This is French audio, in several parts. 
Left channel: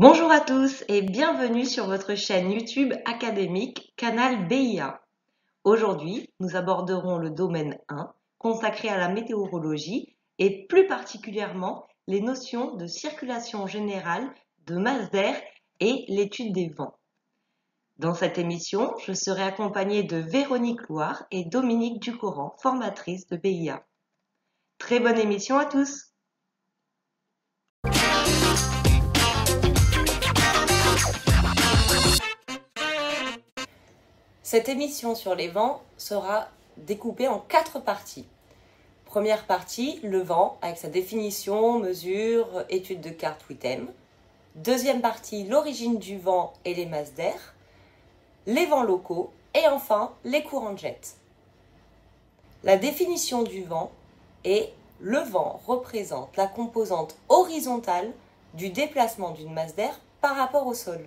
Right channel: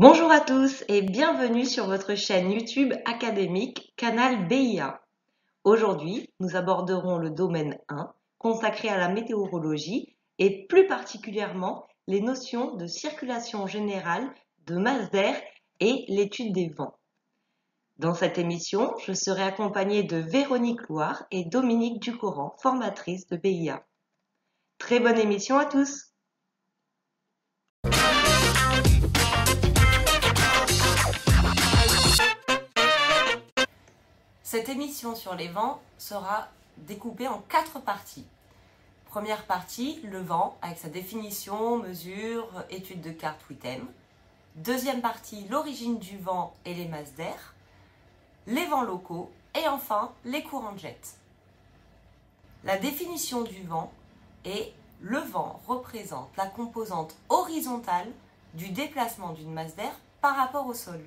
Bonjour à tous et bienvenue sur votre chaîne YouTube académique Canal BIA. Aujourd'hui, nous aborderons le domaine 1 consacré à la météorologie et plus particulièrement les notions de circulation générale, de masse d'air et l'étude des vents. Dans cette émission, je serai accompagnée de Véronique Loire et Dominique Ducoran, formatrices de BIA. Très bonne émission à tous! Cette émission sur les vents sera découpée en 4 parties. Première partie, le vent, avec sa définition, mesure, étude de carte WITEM. Deuxième partie, l'origine du vent et les masses d'air, les vents locaux et enfin les courants de jet. La définition du vent est: le vent représente la composante horizontale du déplacement d'une masse d'air par rapport au sol.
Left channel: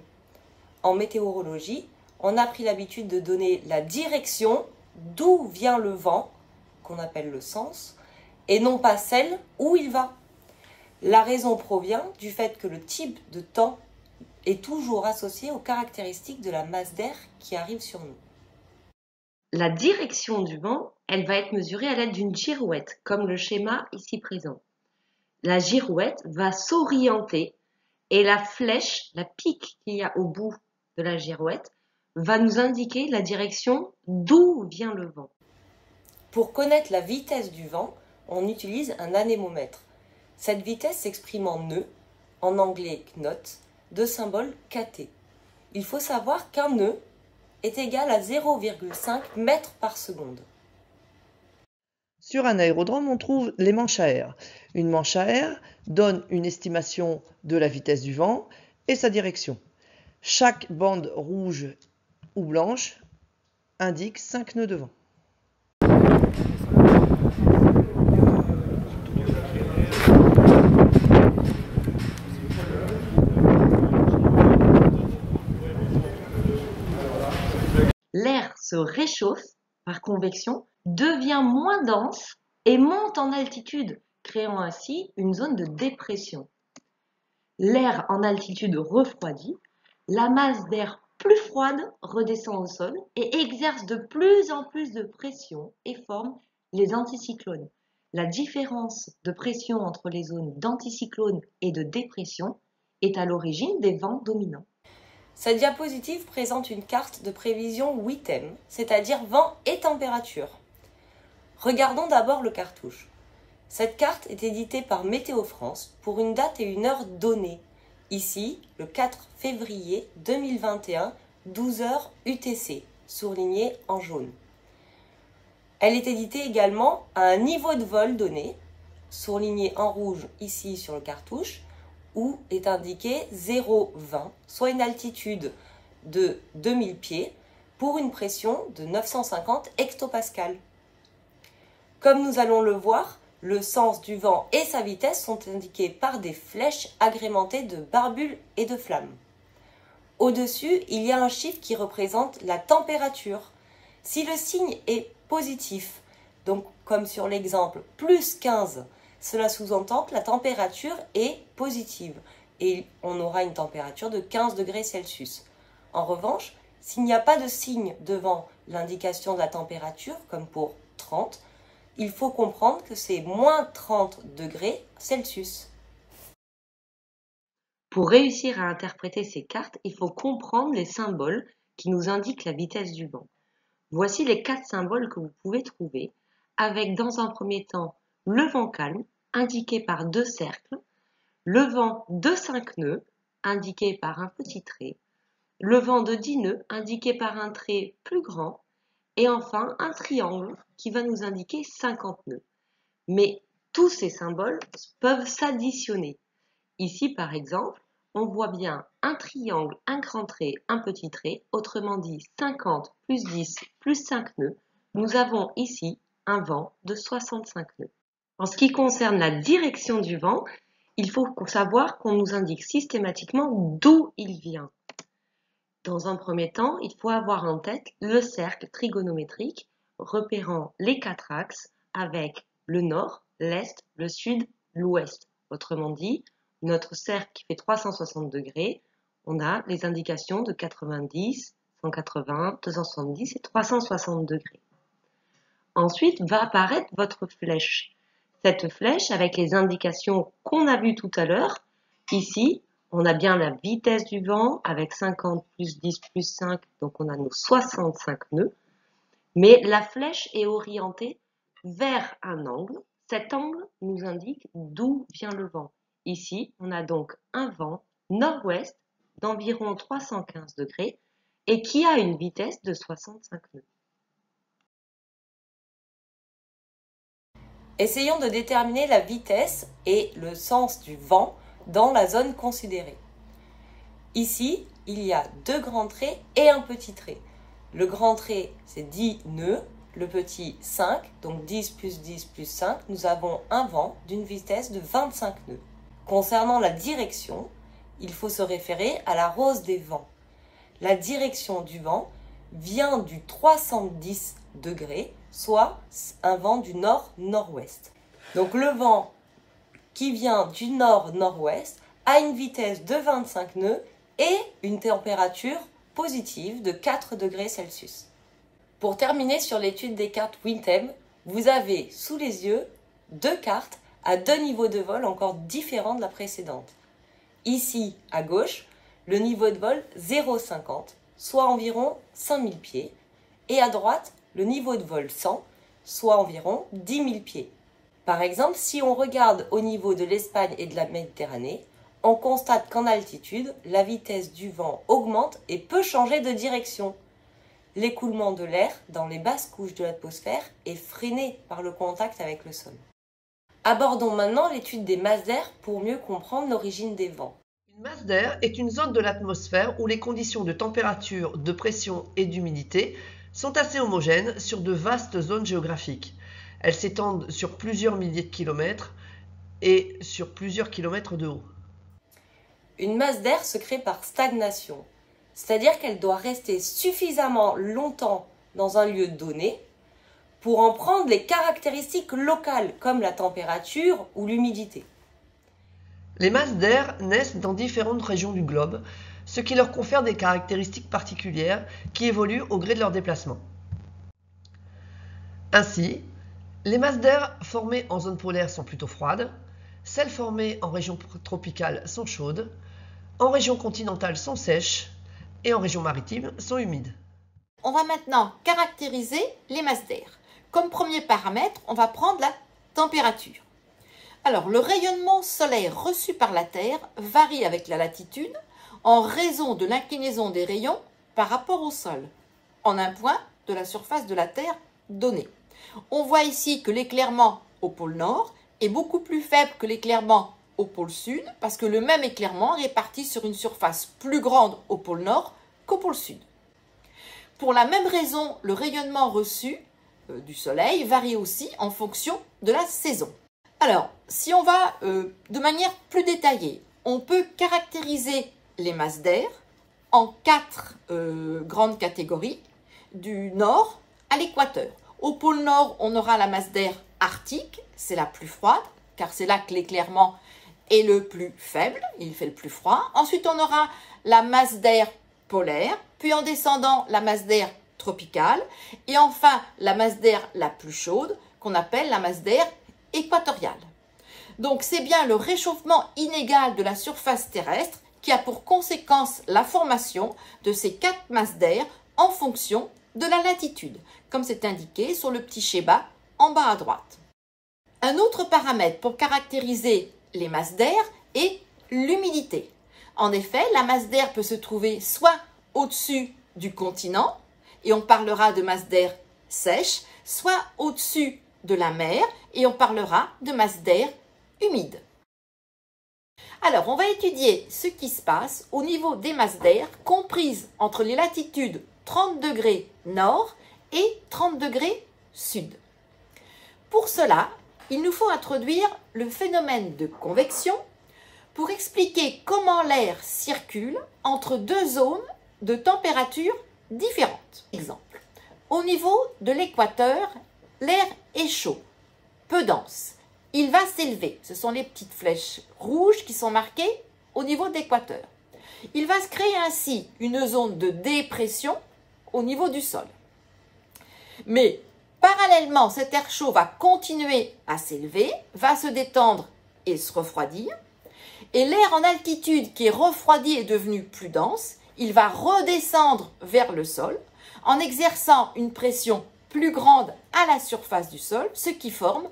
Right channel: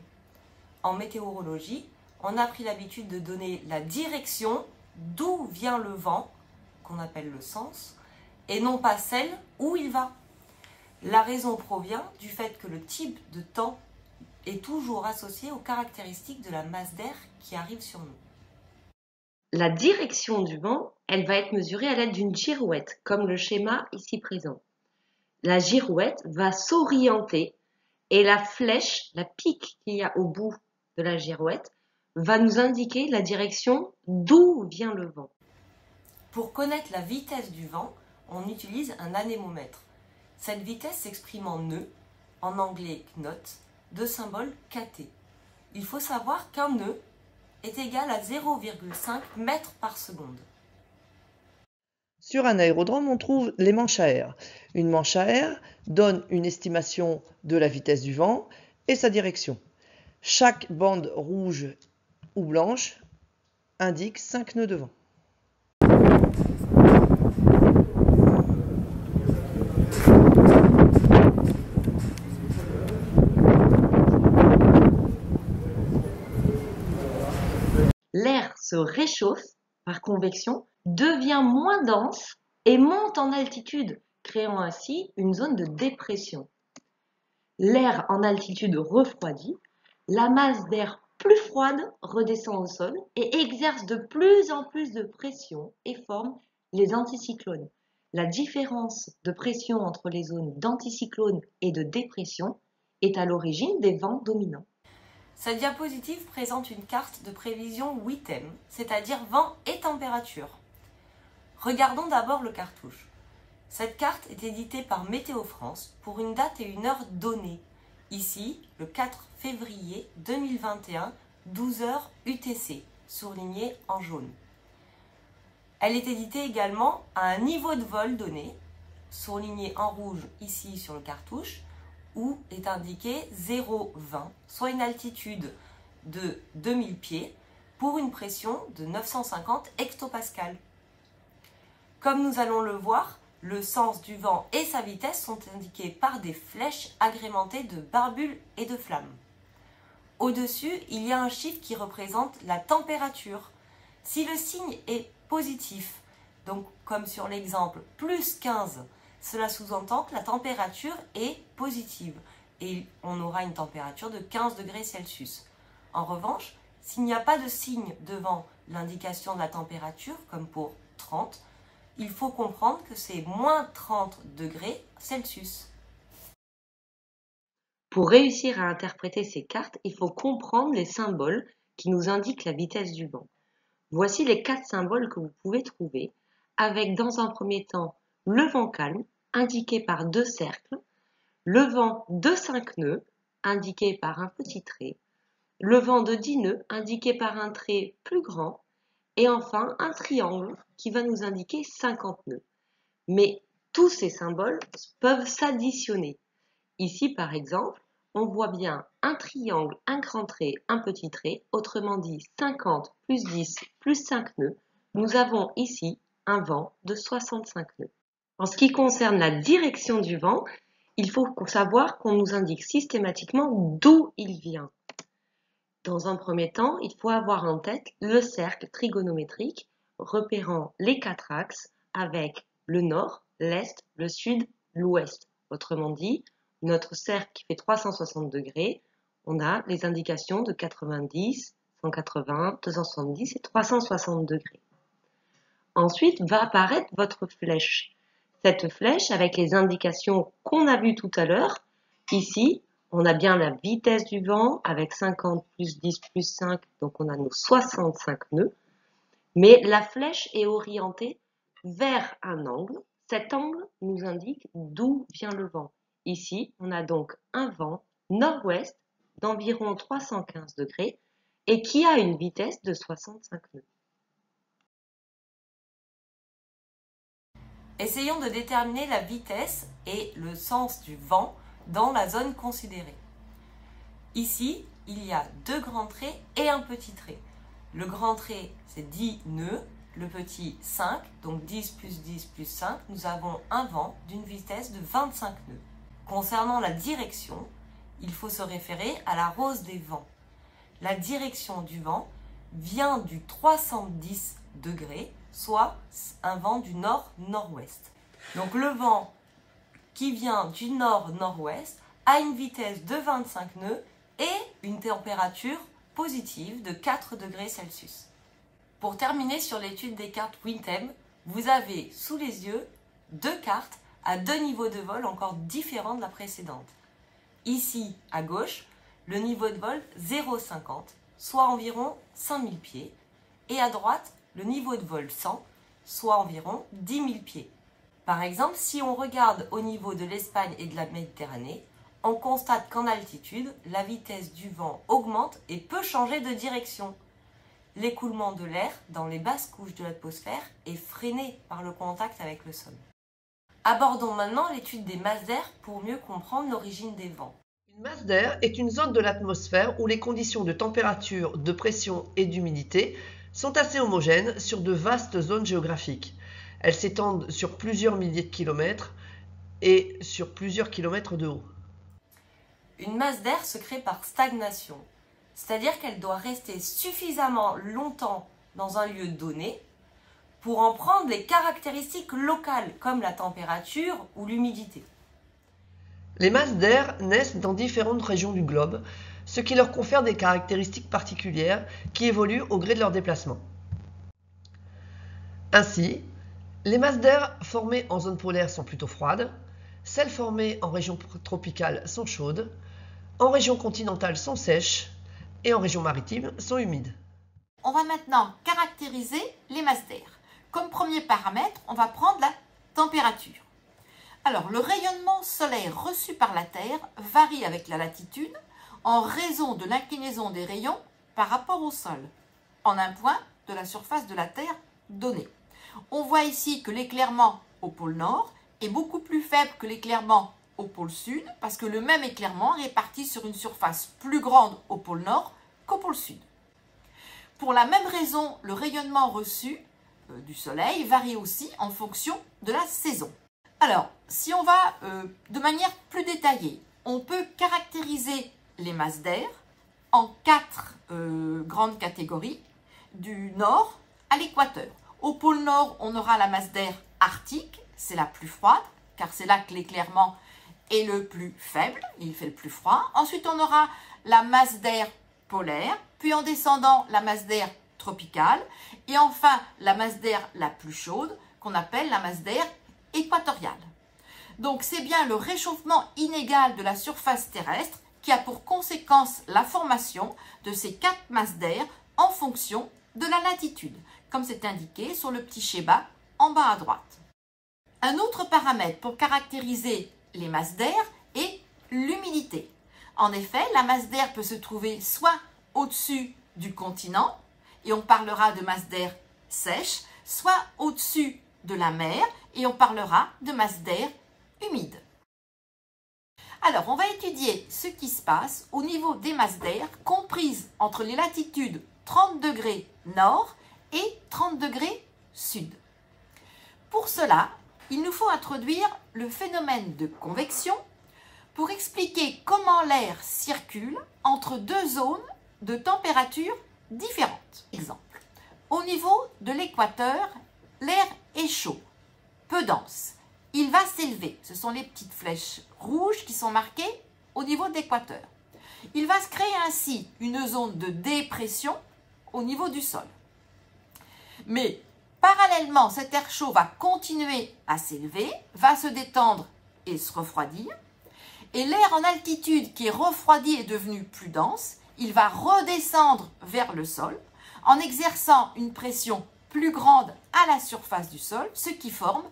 En météorologie, on a pris l'habitude de donner la direction d'où vient le vent, qu'on appelle le sens, et non pas celle où il va. La raison provient du fait que le type de temps est toujours associé aux caractéristiques de la masse d'air qui arrive sur nous. La direction du vent, elle va être mesurée à l'aide d'une girouette, comme le schéma ici présent. La girouette va s'orienter et la flèche, la pique qu'il y a au bout de la girouette, va nous indiquer la direction d'où vient le vent. Pour connaître la vitesse du vent, on utilise un anémomètre. Cette vitesse s'exprime en nœuds, en anglais knot, de symbole kt. Il faut savoir qu'un nœud est égal à 0,5 mètres par seconde. Sur un aérodrome, on trouve les manches à air. Une manche à air donne une estimation de la vitesse du vent et sa direction. Chaque bande rouge ou blanche indique 5 nœuds de vent. L'air se réchauffe par convection, devient moins dense et monte en altitude, créant ainsi une zone de dépression. L'air en altitude refroidit, la masse d'air plus froide redescend au sol et exerce de plus en plus de pression et forme les anticyclones. La différence de pression entre les zones d'anticyclone et de dépression est à l'origine des vents dominants. Cette diapositive présente une carte de prévision WITEM, c'est-à-dire vent et température. Regardons d'abord le cartouche. Cette carte est éditée par Météo France pour une date et une heure donnée. Ici, le 4 février 2021, 12h UTC, surligné en jaune. Elle est éditée également à un niveau de vol donné, surligné en rouge ici sur le cartouche, où est indiqué 0,20, soit une altitude de 2000 pieds pour une pression de 950 hectopascales. Comme nous allons le voir, le sens du vent et sa vitesse sont indiqués par des flèches agrémentées de barbules et de flammes. Au-dessus, il y a un chiffre qui représente la température. Si le signe est positif, donc comme sur l'exemple plus 15, cela sous-entend que la température est positive et on aura une température de 15 degrés Celsius. En revanche, s'il n'y a pas de signe devant l'indication de la température, comme pour 30, il faut comprendre que c'est moins 30 degrés Celsius. Pour réussir à interpréter ces cartes, il faut comprendre les symboles qui nous indiquent la vitesse du vent. Voici les 4 symboles que vous pouvez trouver, avec dans un premier temps le vent calme, indiqué par 2 cercles, le vent de 5 nœuds, indiqué par un petit trait, le vent de 10 nœuds, indiqué par un trait plus grand, et enfin un triangle qui va nous indiquer 50 nœuds. Mais tous ces symboles peuvent s'additionner. Ici, par exemple, on voit bien un triangle, un grand trait, un petit trait, autrement dit 50 plus 10 plus 5 nœuds. Nous avons ici un vent de 65 nœuds. En ce qui concerne la direction du vent, il faut savoir qu'on nous indique systématiquement d'où il vient. Dans un premier temps, il faut avoir en tête le cercle trigonométrique repérant les 4 axes avec le nord, l'est, le sud, l'ouest. Autrement dit, notre cercle qui fait 360 degrés, on a les indications de 90, 180, 270 et 360 degrés. Ensuite va apparaître votre flèche. Cette flèche avec les indications qu'on a vues tout à l'heure. Ici, on a bien la vitesse du vent avec 50 plus 10 plus 5, donc on a nos 65 nœuds. Mais la flèche est orientée vers un angle. Cet angle nous indique d'où vient le vent. Ici, on a donc un vent nord-ouest d'environ 315 degrés et qui a une vitesse de 65 nœuds. Essayons de déterminer la vitesse et le sens du vent dans la zone considérée. Ici, il y a deux grands traits et un petit trait. Le grand trait, c'est 10 nœuds, le petit 5, donc 10 plus 10 plus 5, nous avons un vent d'une vitesse de 25 nœuds. Concernant la direction, il faut se référer à la rose des vents. La direction du vent vient du 310 degrés, soit un vent du nord-nord-ouest. Donc le vent qui vient du nord-nord-ouest a une vitesse de 25 nœuds et une température positive de 4 degrés Celsius. Pour terminer sur l'étude des cartes WinTem, vous avez sous les yeux deux cartes à deux niveaux de vol encore différents de la précédente. Ici, à gauche, le niveau de vol 0,50, soit environ 5000 pieds, et à droite, le niveau de vol 100, soit environ 10 000 pieds. Par exemple, si on regarde au niveau de l'Espagne et de la Méditerranée, on constate qu'en altitude, la vitesse du vent augmente et peut changer de direction. L'écoulement de l'air dans les basses couches de l'atmosphère est freiné par le contact avec le sol. Abordons maintenant l'étude des masses d'air pour mieux comprendre l'origine des vents. Une masse d'air est une zone de l'atmosphère où les conditions de température, de pression et d'humidité sont assez homogènes sur de vastes zones géographiques. Elles s'étendent sur plusieurs milliers de kilomètres et sur plusieurs kilomètres de haut. Une masse d'air se crée par stagnation, c'est-à-dire qu'elle doit rester suffisamment longtemps dans un lieu donné pour en prendre les caractéristiques locales comme la température ou l'humidité. Les masses d'air naissent dans différentes régions du globe, ce qui leur confère des caractéristiques particulières qui évoluent au gré de leur déplacement. Ainsi, les masses d'air formées en zone polaire sont plutôt froides, celles formées en région tropicale sont chaudes, en région continentale sont sèches et en région maritime sont humides. On va maintenant caractériser les masses d'air. Comme premier paramètre, on va prendre la température. Alors, le rayonnement solaire reçu par la Terre varie avec la latitude en raison de l'inclinaison des rayons par rapport au sol, en un point de la surface de la Terre donnée. On voit ici que l'éclairement au pôle Nord est beaucoup plus faible que l'éclairement au pôle Sud, parce que le même éclairement est réparti sur une surface plus grande au pôle Nord qu'au pôle Sud. Pour la même raison, le rayonnement reçu du Soleil varie aussi en fonction de la saison. Alors, si on va de manière plus détaillée, on peut caractériser les masses d'air en 4 grandes catégories, du nord à l'équateur. Au pôle Nord, on aura la masse d'air arctique, c'est la plus froide, car c'est là que l'éclairement est le plus faible, il fait le plus froid. Ensuite, on aura la masse d'air polaire, puis en descendant, la masse d'air tropicale, et enfin, la masse d'air la plus chaude, qu'on appelle la masse d'air équatoriale. Donc, c'est bien le réchauffement inégal de la surface terrestre qui a pour conséquence la formation de ces 4 masses d'air en fonction de la latitude, comme c'est indiqué sur le petit schéma en bas à droite. Un autre paramètre pour caractériser les masses d'air est l'humidité. En effet, la masse d'air peut se trouver soit au-dessus du continent, et on parlera de masse d'air sèche, soit au-dessus de la mer, et on parlera de masse d'air humide. Alors, on va étudier ce qui se passe au niveau des masses d'air comprises entre les latitudes 30 degrés nord et 30 degrés sud. Pour cela, il nous faut introduire le phénomène de convection pour expliquer comment l'air circule entre deux zones de température différentes. Exemple, au niveau de l'équateur, l'air est chaud, peu dense, il va s'élever. Ce sont les petites flèches rouges qui sont marquées au niveau de l'équateur. Il va se créer ainsi une zone de dépression au niveau du sol. Mais parallèlement, cet air chaud va continuer à s'élever, va se détendre et se refroidir. Et l'air en altitude qui est refroidi et devenu plus dense, il va redescendre vers le sol en exerçant une pression plus grande à la surface du sol, ce qui forme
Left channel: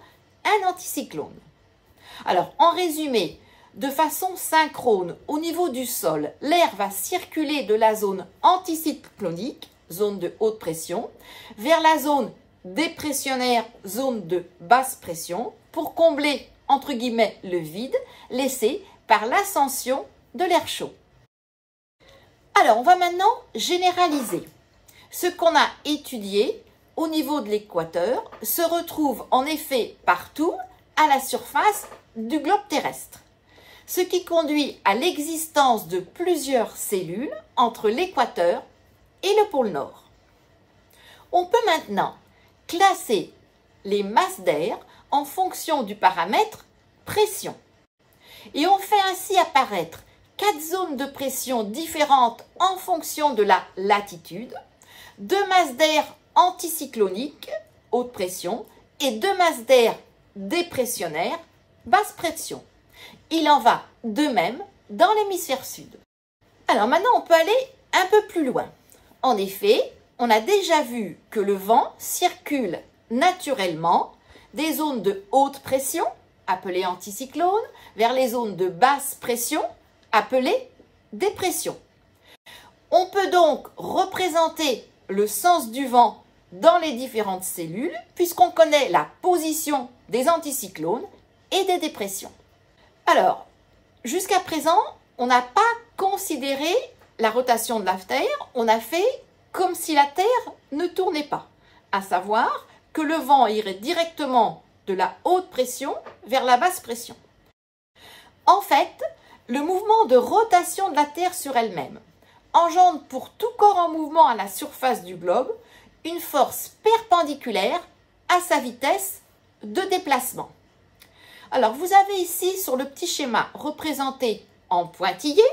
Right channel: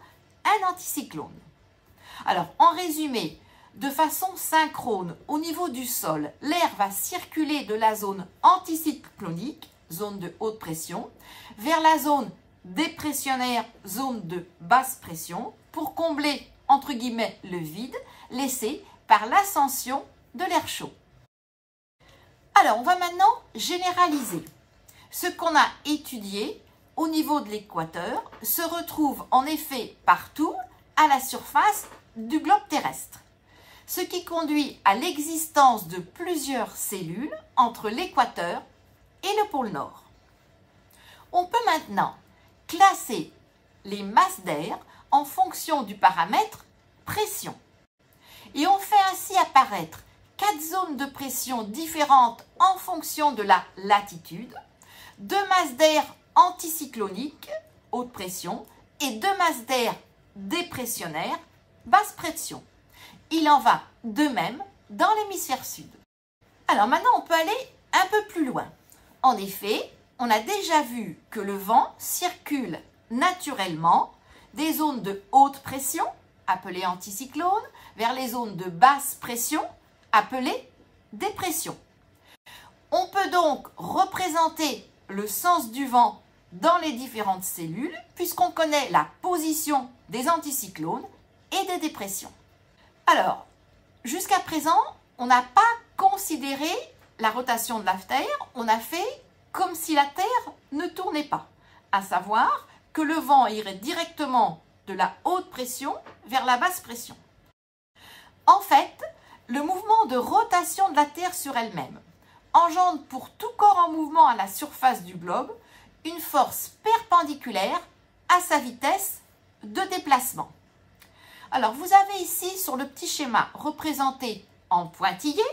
un anticyclone. Alors, en résumé, de façon synchrone, au niveau du sol, l'air va circuler de la zone anticyclonique, zone de haute pression, vers la zone dépressionnaire, zone de basse pression, pour combler, entre guillemets, le vide laissé par l'ascension de l'air chaud. Alors, on va maintenant généraliser. Ce qu'on a étudié au niveau de l'équateur se retrouve en effet partout à la surface du globe terrestre, ce qui conduit à l'existence de plusieurs cellules entre l'équateur et le pôle Nord. On peut maintenant classer les masses d'air en fonction du paramètre pression. Et on fait ainsi apparaître 4 zones de pression différentes en fonction de la latitude, 2 masses d'air anticycloniques, haute pression, et 2 masses d'air dépressionnaires, basse pression. Il en va de même dans l'hémisphère sud. Alors maintenant, on peut aller un peu plus loin. En effet, on a déjà vu que le vent circule naturellement des zones de haute pression, appelées anticyclones, vers les zones de basse pression, appelées dépression. On peut donc représenter le sens du vent dans les différentes cellules, puisqu'on connaît la position des anticyclones et des dépressions. Alors, jusqu'à présent, on n'a pas considéré la rotation de la Terre, on a fait comme si la Terre ne tournait pas, à savoir que le vent irait directement de la haute pression vers la basse pression. En fait, le mouvement de rotation de la Terre sur elle-même engendre pour tout corps en mouvement à la surface du globe une force perpendiculaire à sa vitesse de déplacement. Alors, vous avez ici sur le petit schéma représenté en pointillé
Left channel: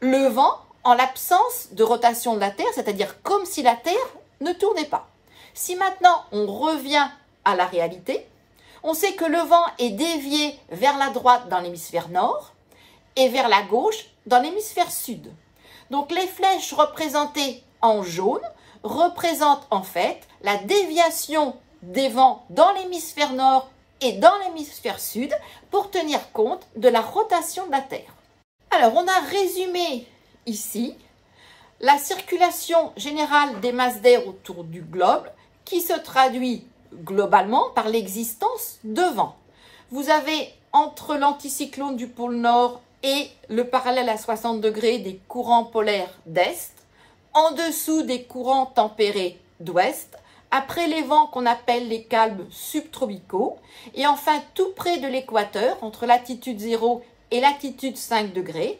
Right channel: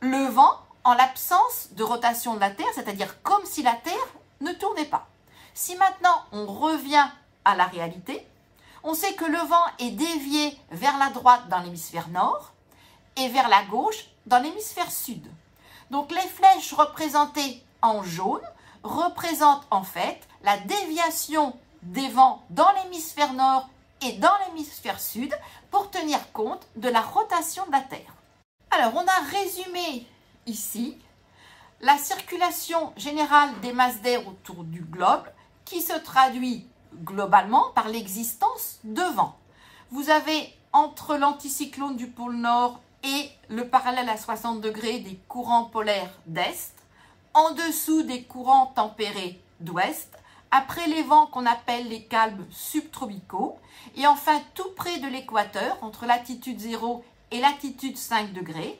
le vent en l'absence de rotation de la Terre, c'est-à-dire comme si la Terre ne tournait pas. Si maintenant on revient à la réalité, on sait que le vent est dévié vers la droite dans l'hémisphère nord et vers la gauche dans l'hémisphère sud. Donc les flèches représentées en jaune représentent en fait la déviation des vents dans l'hémisphère nord et dans l'hémisphère sud pour tenir compte de la rotation de la Terre. Alors on a résumé ici la circulation générale des masses d'air autour du globe qui se traduit globalement par l'existence de vents. Vous avez entre l'anticyclone du pôle Nord et le parallèle à 60 degrés des courants polaires d'Est, en dessous des courants tempérés d'Ouest, après les vents qu'on appelle les calmes subtropicaux, et enfin tout près de l'équateur, entre latitude 0 et latitude 5 degrés,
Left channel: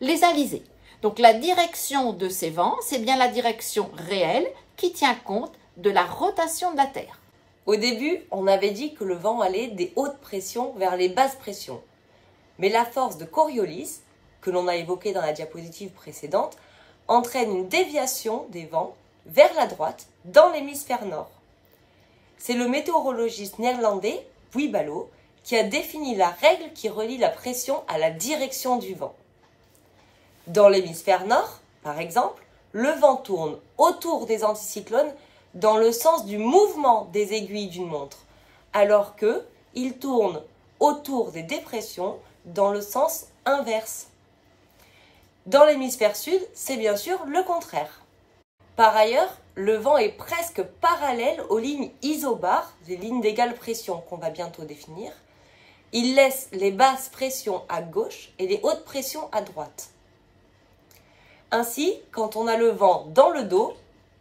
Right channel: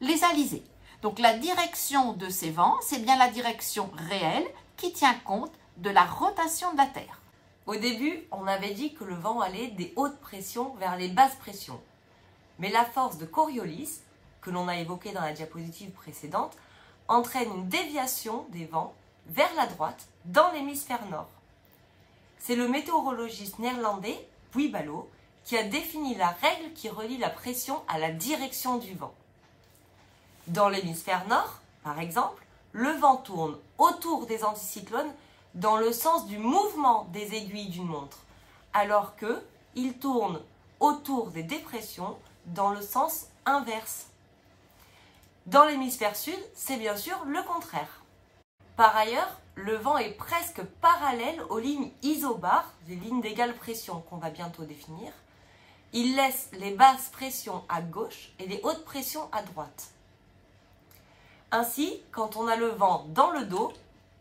les alizés. Donc la direction de ces vents, c'est bien la direction réelle qui tient compte de la rotation de la Terre. Au début, on avait dit que le vent allait des hautes pressions vers les basses pressions. Mais la force de Coriolis, que l'on a évoquée dans la diapositive précédente, entraîne une déviation des vents vers la droite dans l'hémisphère nord. C'est le météorologiste néerlandais Wiebalo qui a défini la règle qui relie la pression à la direction du vent. Dans l'hémisphère nord, par exemple, le vent tourne autour des anticyclones dans le sens du mouvement des aiguilles d'une montre, alors qu'il tourne autour des dépressions dans le sens inverse. Dans l'hémisphère sud, c'est bien sûr le contraire. Par ailleurs, le vent est presque parallèle aux lignes isobares, les lignes d'égale pression qu'on va bientôt définir. Il laisse les basses pressions à gauche et les hautes pressions à droite. Ainsi, quand on a le vent dans le dos,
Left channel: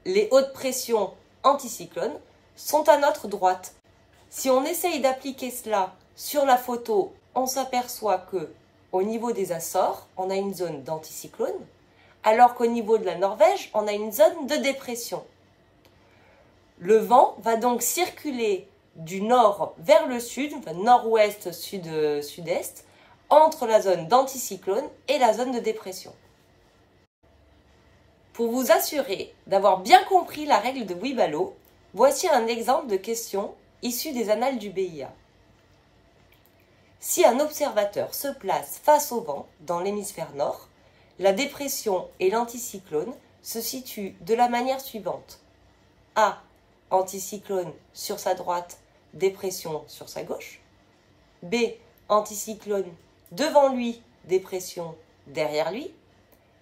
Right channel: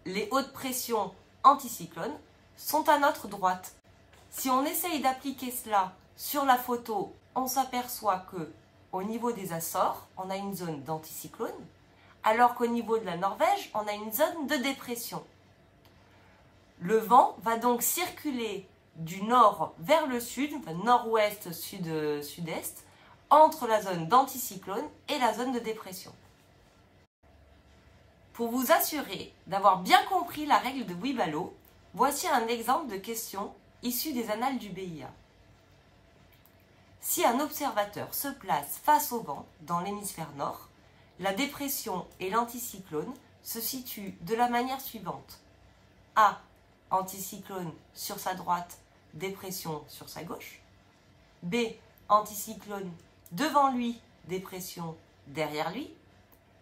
les hautes pressions anticyclones sont à notre droite. Si on essaye d'appliquer cela sur la photo, on s'aperçoit que au niveau des Açores, on a une zone d'anticyclone, alors qu'au niveau de la Norvège, on a une zone de dépression. Le vent va donc circuler du nord vers le sud, enfin nord-ouest, sud-est, entre la zone d'anticyclone et la zone de dépression. Pour vous assurer d'avoir bien compris la règle de Wibalo, voici un exemple de question issue des annales du BIA. Si un observateur se place face au vent dans l'hémisphère nord, la dépression et l'anticyclone se situent de la manière suivante. A. Anticyclone sur sa droite, dépression sur sa gauche. B. Anticyclone devant lui, dépression derrière lui.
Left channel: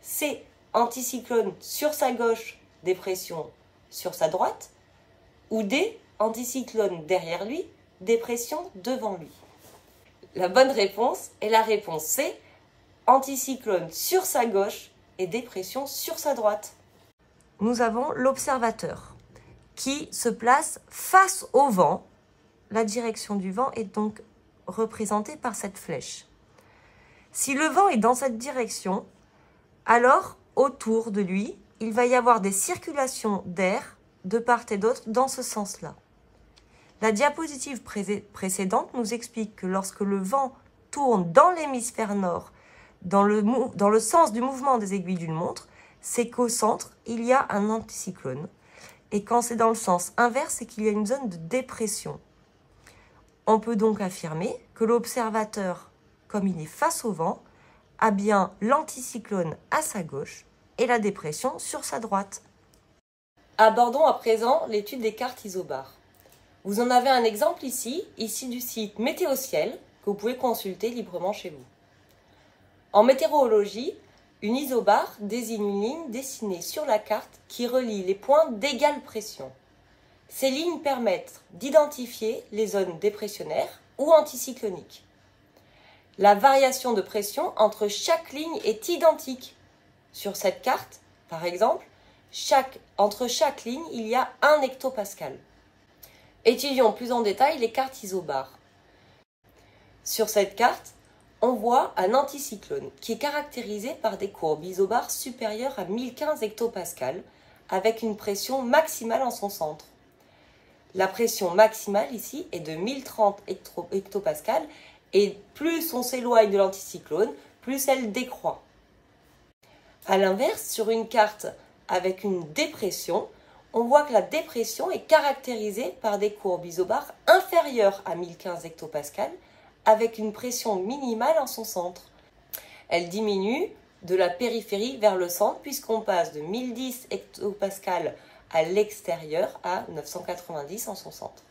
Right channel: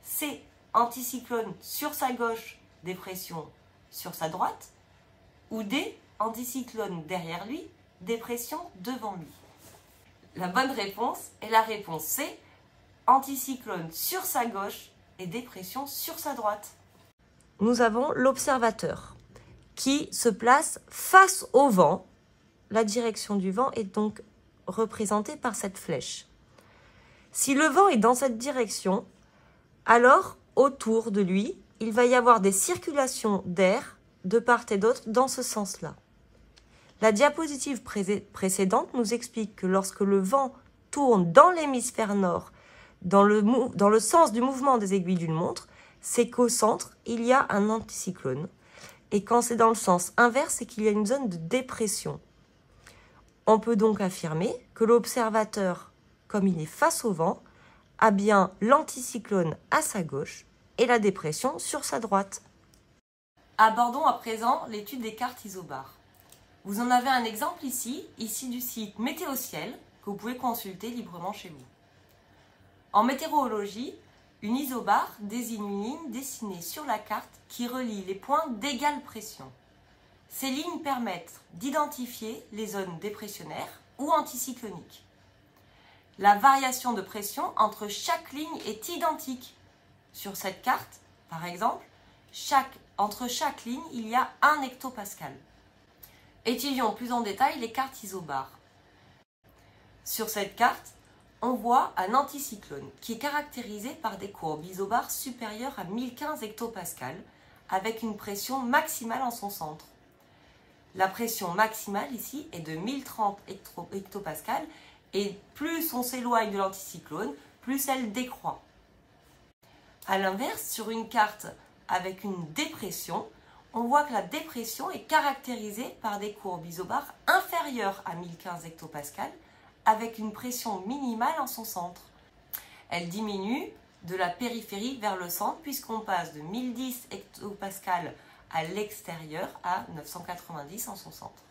C. Anticyclone sur sa gauche, dépression sur sa droite. Ou D. Anticyclone derrière lui, dépression devant lui. La bonne réponse est la réponse C. Anticyclone sur sa gauche et dépression sur sa droite. Nous avons l'observateur qui se place face au vent. La direction du vent est donc représentée par cette flèche. Si le vent est dans cette direction, alors autour de lui, il va y avoir des circulations d'air de part et d'autre dans ce sens-là. La diapositive précédente nous explique que lorsque le vent tourne dans l'hémisphère nord, dans le sens du mouvement des aiguilles d'une montre, c'est qu'au centre, il y a un anticyclone. Et quand c'est dans le sens inverse, c'est qu'il y a une zone de dépression. On peut donc affirmer que l'observateur, comme il est face au vent, a bien l'anticyclone à sa gauche et la dépression sur sa droite. Abordons à présent l'étude des cartes isobars. Vous en avez un exemple ici du site Météociel, que vous pouvez consulter librement chez vous. En météorologie, une isobare désigne une ligne dessinée sur la carte qui relie les points d'égale pression. Ces lignes permettent d'identifier les zones dépressionnaires ou anticycloniques. La variation de pression entre chaque ligne est identique. Sur cette carte, par exemple, entre chaque ligne, il y a 1 hectopascal. Étudions plus en détail les cartes isobars. Sur cette carte, on voit un anticyclone qui est caractérisé par des courbes isobars supérieures à 1015 hectopascal avec une pression maximale en son centre. La pression maximale ici est de 1030 hectopascal et plus on s'éloigne de l'anticyclone, plus elle décroît. A l'inverse, sur une carte avec une dépression, on voit que la dépression est caractérisée par des courbes isobars inférieures à 1015 hectopascal avec une pression minimale en son centre. Elle diminue de la périphérie vers le centre puisqu'on passe de 1010 hectopascal à l'extérieur à 990 en son centre.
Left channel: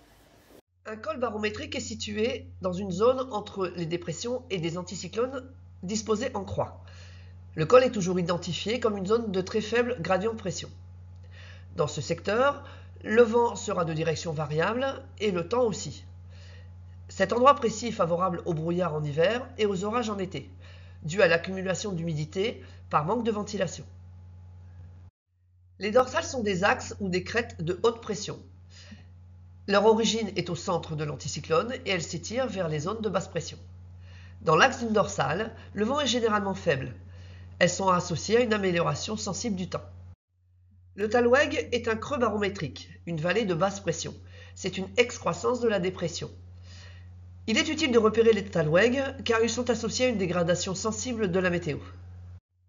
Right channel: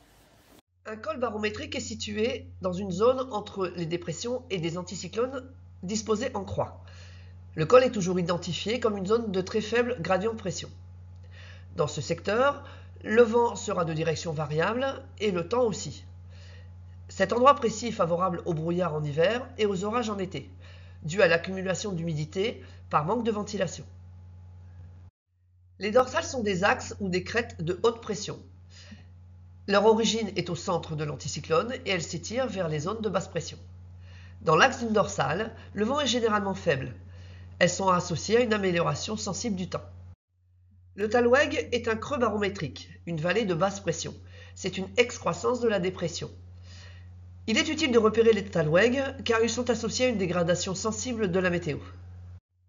Un col barométrique est situé dans une zone entre les dépressions et des anticyclones disposés en croix. Le col est toujours identifié comme une zone de très faible gradient de pression. Dans ce secteur, le vent sera de direction variable et le temps aussi. Cet endroit précis est favorable au brouillard en hiver et aux orages en été, dû à l'accumulation d'humidité par manque de ventilation. Les dorsales sont des axes ou des crêtes de haute pression. Leur origine est au centre de l'anticyclone et elle s'étire vers les zones de basse pression. Dans l'axe d'une dorsale, le vent est généralement faible. Elles sont associées à une amélioration sensible du temps. Le Talweg est un creux barométrique, une vallée de basse pression. C'est une excroissance de la dépression. Il est utile de repérer les Talweg car ils sont associés à une dégradation sensible de la météo.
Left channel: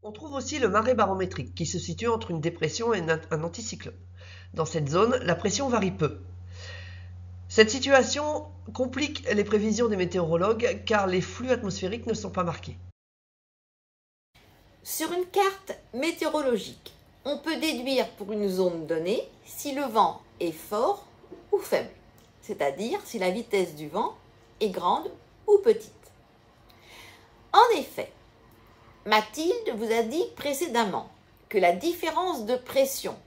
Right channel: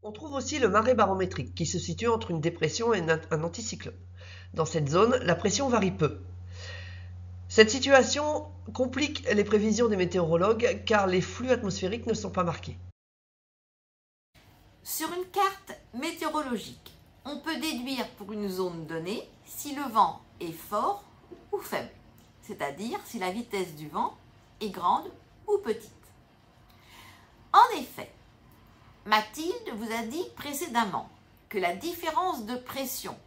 On trouve aussi le marais barométrique qui se situe entre une dépression et un anticyclone. Dans cette zone, la pression varie peu. Cette situation complique les prévisions des météorologues car les flux atmosphériques ne sont pas marqués. Sur une carte météorologique, on peut déduire pour une zone donnée si le vent est fort ou faible, c'est-à-dire si la vitesse du vent est grande ou petite. En effet, Mathilde vous a dit précédemment que la différence de pression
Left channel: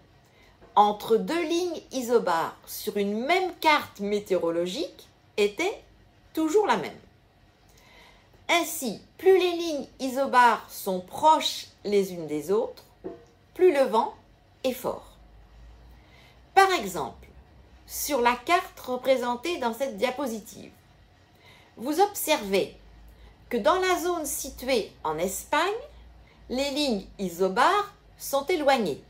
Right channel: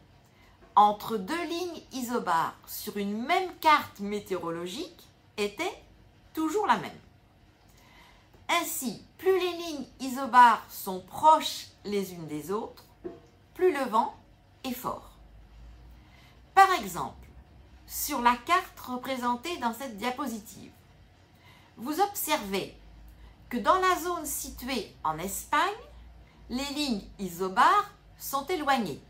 entre deux lignes isobars sur une même carte météorologique était toujours la même. Ainsi, plus les lignes isobars sont proches les unes des autres, plus le vent est fort. Par exemple, sur la carte représentée dans cette diapositive, vous observez que dans la zone située en Espagne, les lignes isobars sont éloignées.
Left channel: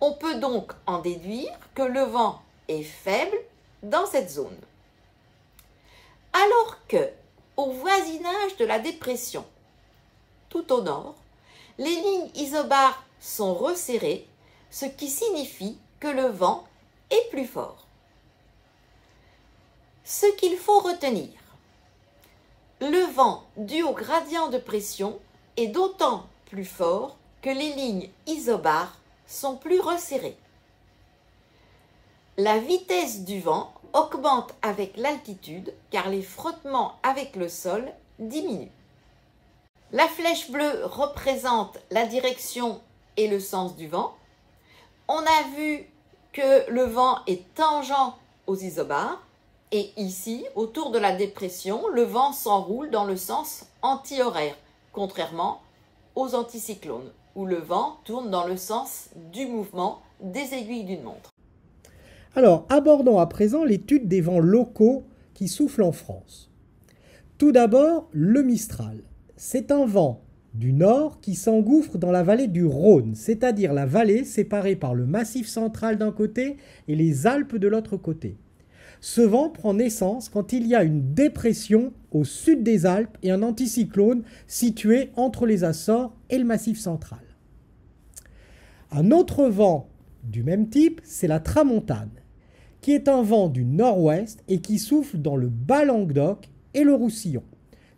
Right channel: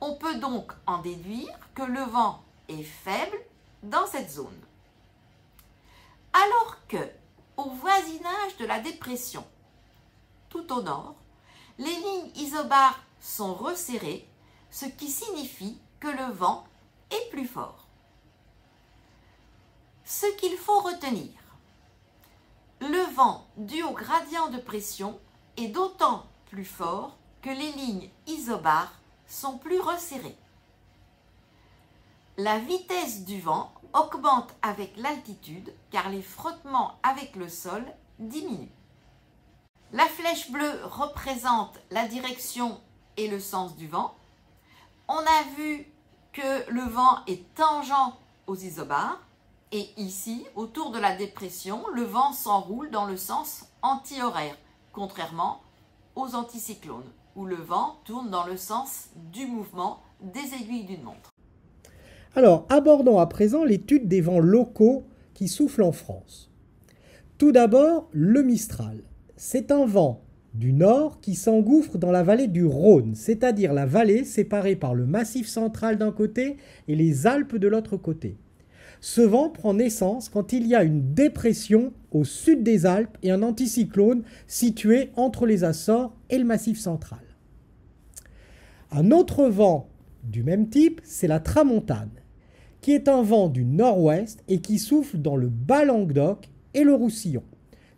On peut donc en déduire que le vent est faible dans cette zone. Alors que, au voisinage de la dépression, tout au nord, les lignes isobares sont resserrées, ce qui signifie que le vent est plus fort. Ce qu'il faut retenir, le vent dû au gradient de pression est d'autant plus fort que les lignes isobares sont plus resserrées. La vitesse du vent augmente avec l'altitude car les frottements avec le sol diminuent. La flèche bleue représente la direction et le sens du vent. On a vu que le vent est tangent aux isobares et ici, autour de la dépression, le vent s'enroule dans le sens anti-horaire, contrairement aux anticyclones, où le vent tourne dans le sens du mouvement des aiguilles d'une montre. Alors, abordons à présent l'étude des vents locaux qui soufflent en France. Tout d'abord, le Mistral. C'est un vent du nord qui s'engouffre dans la vallée du Rhône, c'est-à-dire la vallée séparée par le Massif central d'un côté et les Alpes de l'autre côté. Ce vent prend naissance quand il y a une dépression au sud des Alpes et un anticyclone situé entre les Açores et le Massif central. Un autre vent du même type, c'est la tramontane, qui est un vent du nord-ouest et qui souffle dans le Bas-Languedoc et le Roussillon.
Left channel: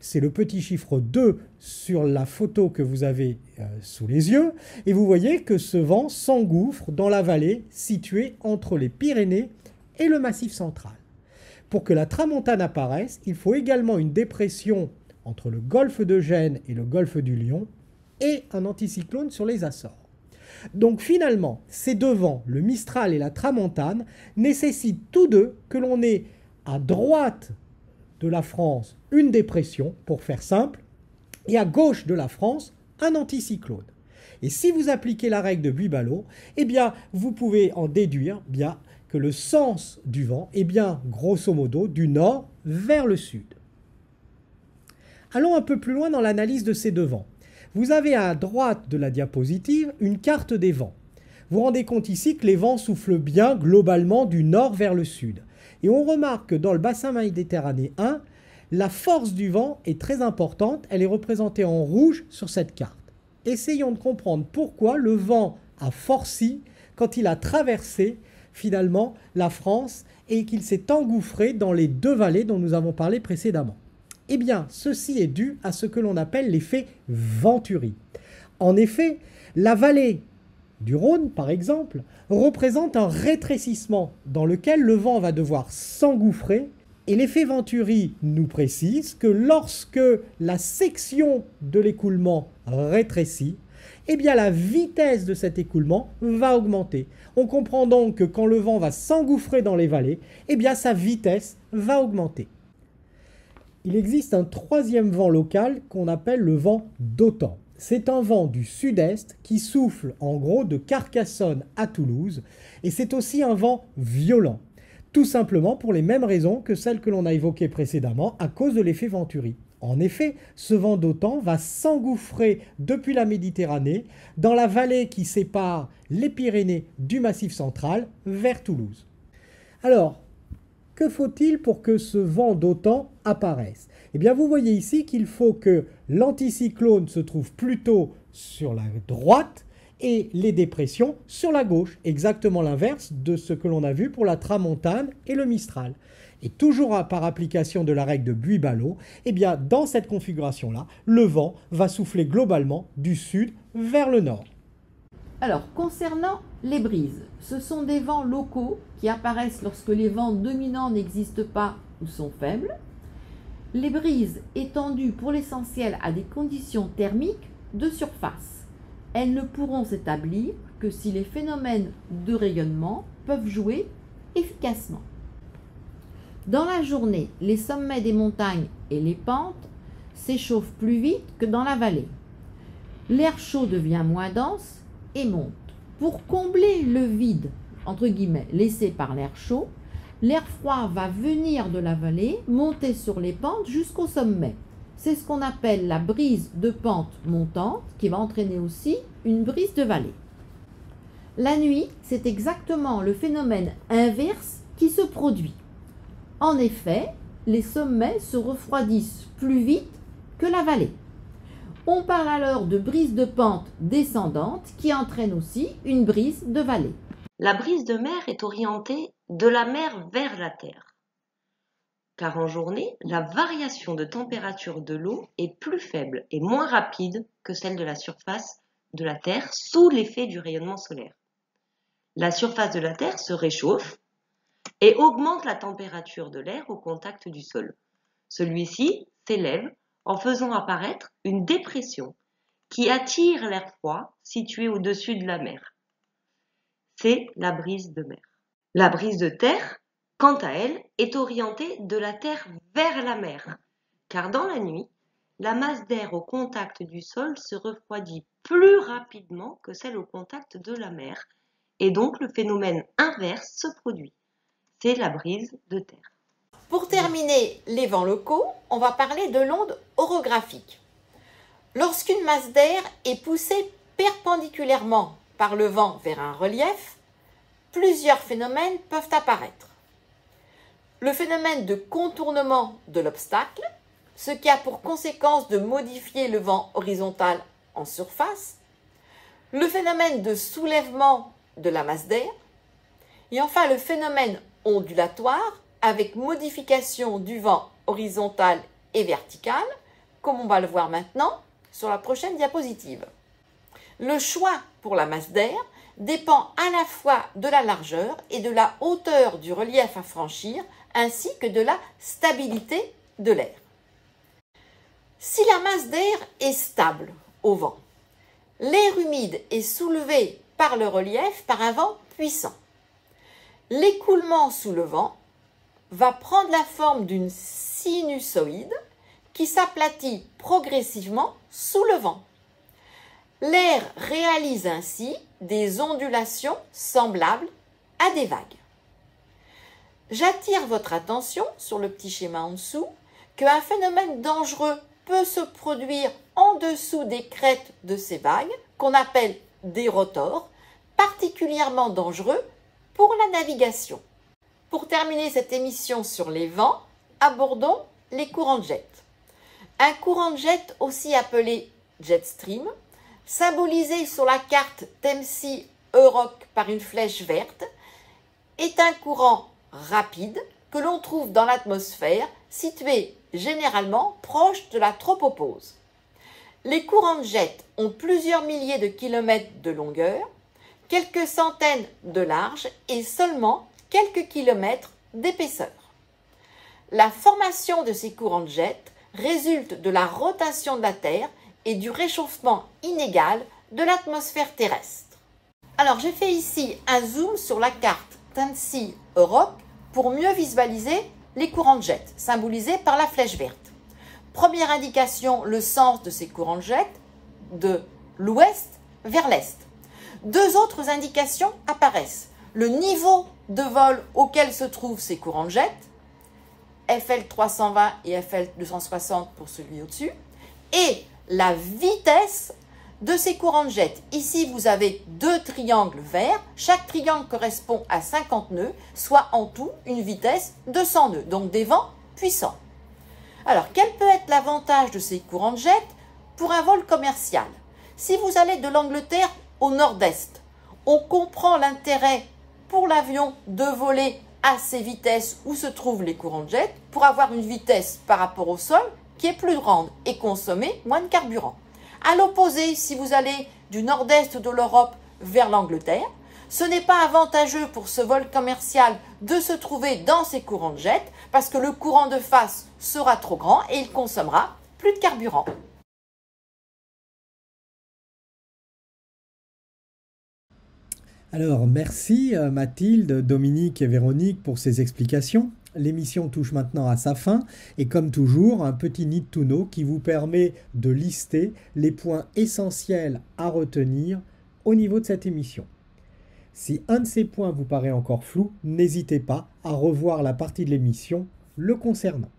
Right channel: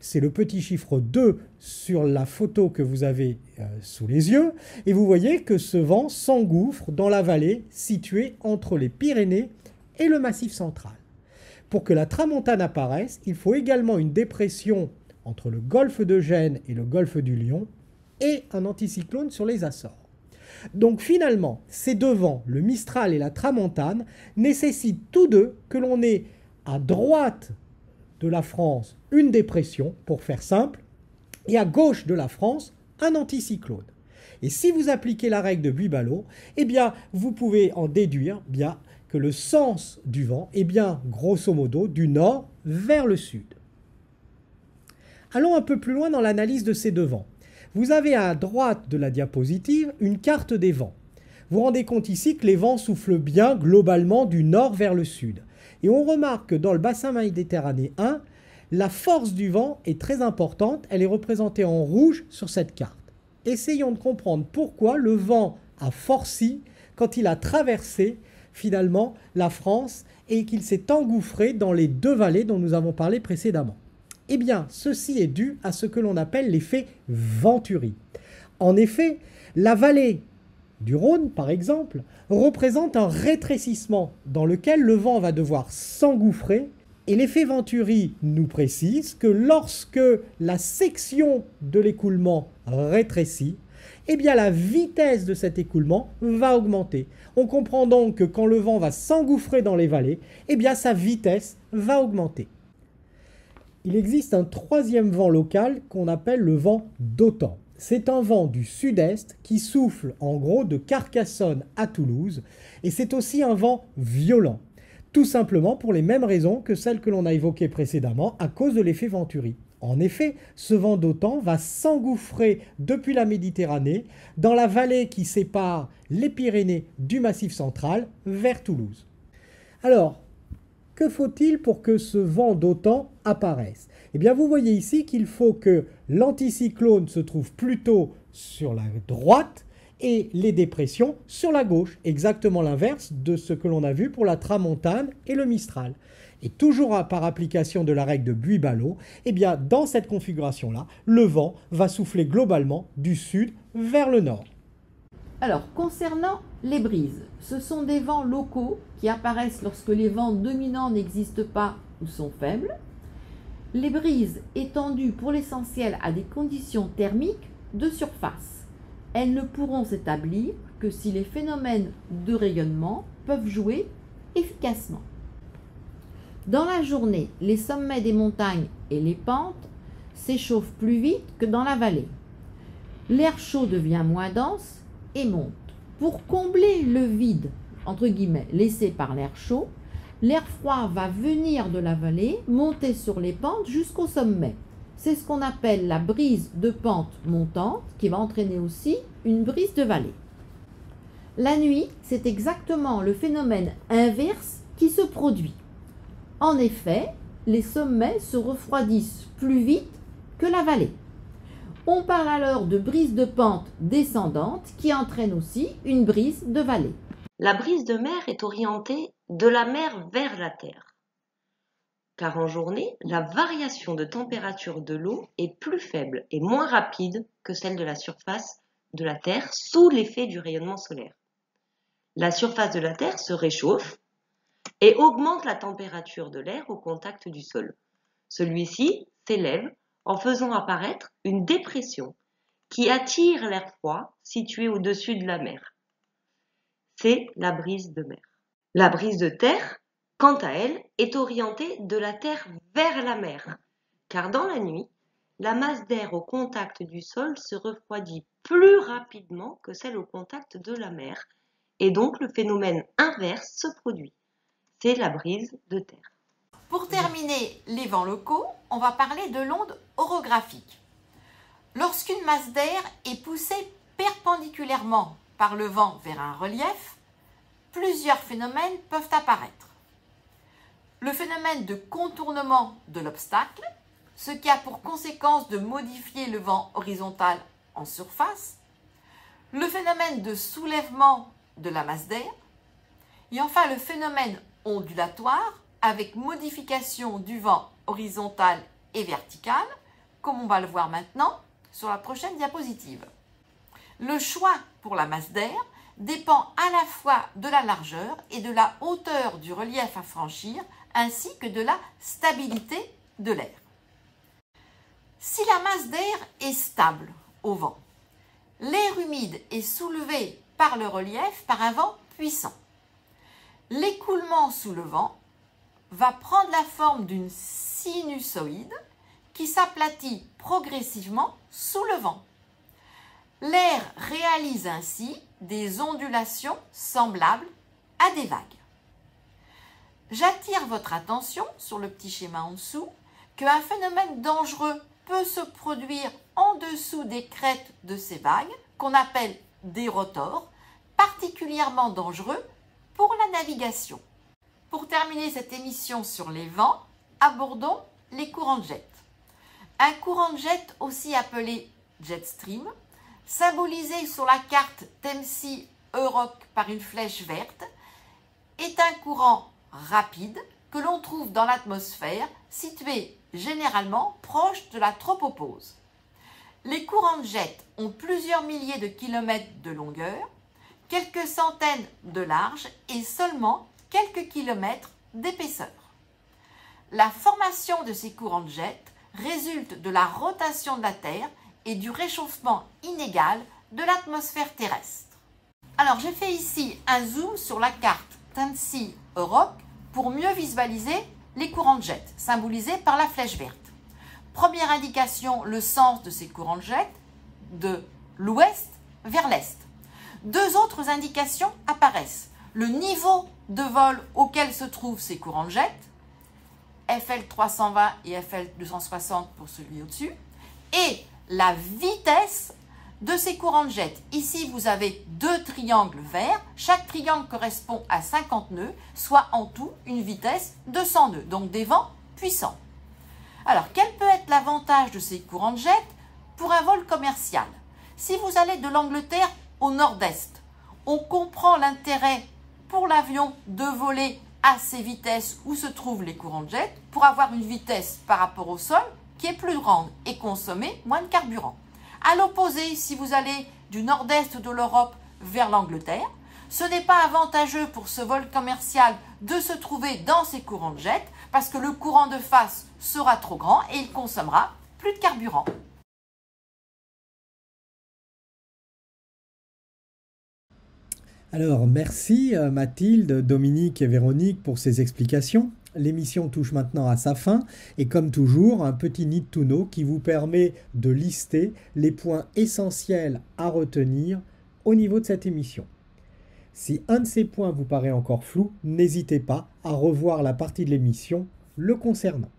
C'est le petit chiffre 2 sur la photo que vous avez sous les yeux. Et vous voyez que ce vent s'engouffre dans la vallée située entre les Pyrénées et le Massif central. Pour que la tramontane apparaisse, il faut également une dépression entre le golfe de Gênes et le golfe du Lion et un anticyclone sur les Açores. Donc finalement, ces deux vents, le Mistral et la tramontane, nécessitent tous deux que l'on ait à droite de la France une dépression, pour faire simple, et à gauche de la France un anticyclone. Et si vous appliquez la règle de Buibalo, eh bien, vous pouvez en déduire bien que le sens du vent est bien, grosso modo, du nord vers le sud. Allons un peu plus loin dans l'analyse de ces deux vents. Vous avez à droite de la diapositive une carte des vents. Vous vous rendez compte ici que les vents soufflent bien globalement du nord vers le sud. Et on remarque que dans le bassin méditerranéen, la force du vent est très importante. Elle est représentée en rouge sur cette carte. Essayons de comprendre pourquoi le vent a forci quand il a traversé finalement la France et qu'il s'est engouffré dans les deux vallées dont nous avons parlé précédemment. Eh bien, ceci est dû à ce que l'on appelle l'effet Venturi. En effet, la vallée du Rhône, par exemple, représente un rétrécissement dans lequel le vent va devoir s'engouffrer. Et l'effet Venturi nous précise que lorsque la section de l'écoulement rétrécit, eh bien la vitesse de cet écoulement va augmenter. On comprend donc que quand le vent va s'engouffrer dans les vallées, eh bien sa vitesse va augmenter. Il existe un troisième vent local qu'on appelle le vent d'Autan. C'est un vent du sud-est qui souffle en gros de Carcassonne à Toulouse et c'est aussi un vent violent. Tout simplement pour les mêmes raisons que celles que l'on a évoquées précédemment à cause de l'effet Venturi. En effet, ce vent d'Autan va s'engouffrer depuis la Méditerranée dans la vallée qui sépare les Pyrénées du Massif central vers Toulouse. Alors, que faut-il pour que ce vent d'Autan apparaisse? Eh bien, vous voyez ici qu'il faut que l'anticyclone se trouve plutôt sur la droite et les dépressions sur la gauche, exactement l'inverse de ce que l'on a vu pour la tramontane et le Mistral. Et toujours par application de la règle de Buibalo, eh bien, dans cette configuration-là, le vent va souffler globalement du sud vers le nord. Alors, concernant les brises, ce sont des vents locaux qui apparaissent lorsque les vents dominants n'existent pas ou sont faibles. Les brises étant dues pour l'essentiel à des conditions thermiques de surface. Elles ne pourront s'établir que si les phénomènes de rayonnement peuvent jouer efficacement. Dans la journée, les sommets des montagnes et les pentes s'échauffent plus vite que dans la vallée. L'air chaud devient moins dense et monte. Pour combler le vide, entre guillemets, laissé par l'air chaud, l'air froid va venir de la vallée, monter sur les pentes jusqu'au sommet. C'est ce qu'on appelle la brise de pente montante qui va entraîner aussi une brise de vallée. La nuit, c'est exactement le phénomène inverse qui se produit. En effet, les sommets se refroidissent plus vite que la vallée. On parle alors de brise de pente descendante qui entraîne aussi une brise de vallée. La brise de mer est orientée de la mer vers la terre, car en journée, la variation de température de l'eau est plus faible et moins rapide que celle de la surface de la Terre sous l'effet du rayonnement solaire. La surface de la Terre se réchauffe et augmente la température de l'air au contact du sol. Celui-ci s'élève en faisant apparaître une dépression qui attire l'air froid situé au-dessus de la mer. C'est la brise de mer. La brise de terre, quant à elle, est orientée de la terre vers la mer, car dans la nuit, la masse d'air au contact du sol se refroidit plus rapidement que celle au contact de la mer, et donc le phénomène inverse se produit. C'est la brise de terre. Pour terminer les vents locaux, on va parler de l'onde orographique. Lorsqu'une masse d'air est poussée perpendiculairement par le vent vers un relief, plusieurs phénomènes peuvent apparaître. Le phénomène de contournement de l'obstacle, ce qui a pour conséquence de modifier le vent horizontal en surface, le phénomène de soulèvement de la masse d'air, et enfin le phénomène ondulatoire avec modification du vent horizontal et vertical, comme on va le voir maintenant sur la prochaine diapositive. Le choix pour la masse d'air dépend à la fois de la largeur et de la hauteur du relief à franchir, ainsi que de la stabilité de l'air. Si la masse d'air est stable au vent, l'air humide est soulevé par le relief par un vent puissant. L'écoulement sous le vent va prendre la forme d'une sinusoïde qui s'aplatit progressivement sous le vent. L'air réalise ainsi des ondulations semblables à des vagues. J'attire votre attention sur le petit schéma en dessous qu'un phénomène dangereux peut se produire en dessous des crêtes de ces vagues, qu'on appelle des rotors, particulièrement dangereux pour la navigation. Pour terminer cette émission sur les vents, abordons les courants de jet. Un courant de jet, aussi appelé jet stream, symbolisé sur la carte Thamesie Europe par une flèche verte, est un courant rapide que l'on trouve dans l'atmosphère, situé généralement proche de la tropopause. Les courants de jet ont plusieurs milliers de kilomètres de longueur, quelques centaines de large et seulement quelques kilomètres d'épaisseur. La formation de ces courants de jet résulte de la rotation de la Terre et du réchauffement inégal de l'atmosphère terrestre. Alors j'ai fait ici un zoom sur la carte Thamesie Europe pour mieux visualiser les courants de jet, symbolisés par la flèche verte. Première indication, le sens de ces courants de jet, de l'ouest vers l'est. Deux autres indications apparaissent. Le niveau de vol auquel se trouvent ces courants de jet, FL 320 et FL 260 pour celui au-dessus, et la vitesse de ces courants de jet. Ici, vous avez deux triangles verts. Chaque triangle correspond à 50 nœuds, soit en tout une vitesse de 100 nœuds, donc des vents puissants. Alors, quel peut être l'avantage de ces courants de jet pour un vol commercial? Si vous allez de l'Angleterre au nord-est, on comprend l'intérêt pour l'avion de voler à ces vitesses où se trouvent les courants de jet pour avoir une vitesse par rapport au sol qui est plus grande et consommer moins de carburant. À l'opposé, si vous allez du nord-est de l'Europe vers l'Angleterre, ce n'est pas avantageux pour ce vol commercial de se trouver dans ces courants de jet parce que le courant de face sera trop grand et il consommera plus de carburant. Alors, merci Mathilde, Dominique et Véronique pour ces explications. L'émission touche maintenant à sa fin et comme toujours, un petit need to know qui vous permet de lister les points essentiels à retenir au niveau de cette émission. Si un de ces points vous paraît encore flou, n'hésitez pas à revoir la partie de l'émission le concernant.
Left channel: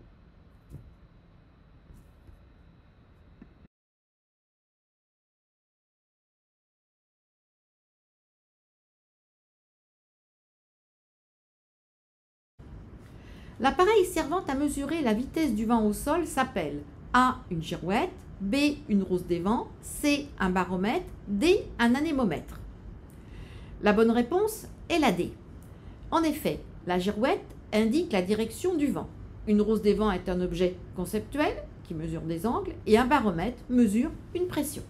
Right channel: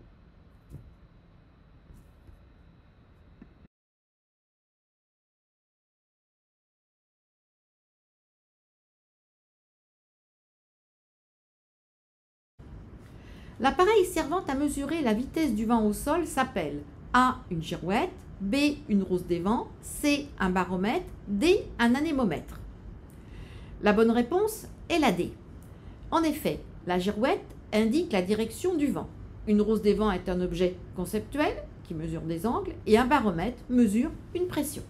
L'appareil servant à mesurer la vitesse du vent au sol s'appelle A. une girouette, B. une rose des vents, C. un baromètre, D. un anémomètre. La bonne réponse est la D. En effet, la girouette indique la direction du vent. Une rose des vents est un objet conceptuel qui mesure des angles et un baromètre mesure une pression.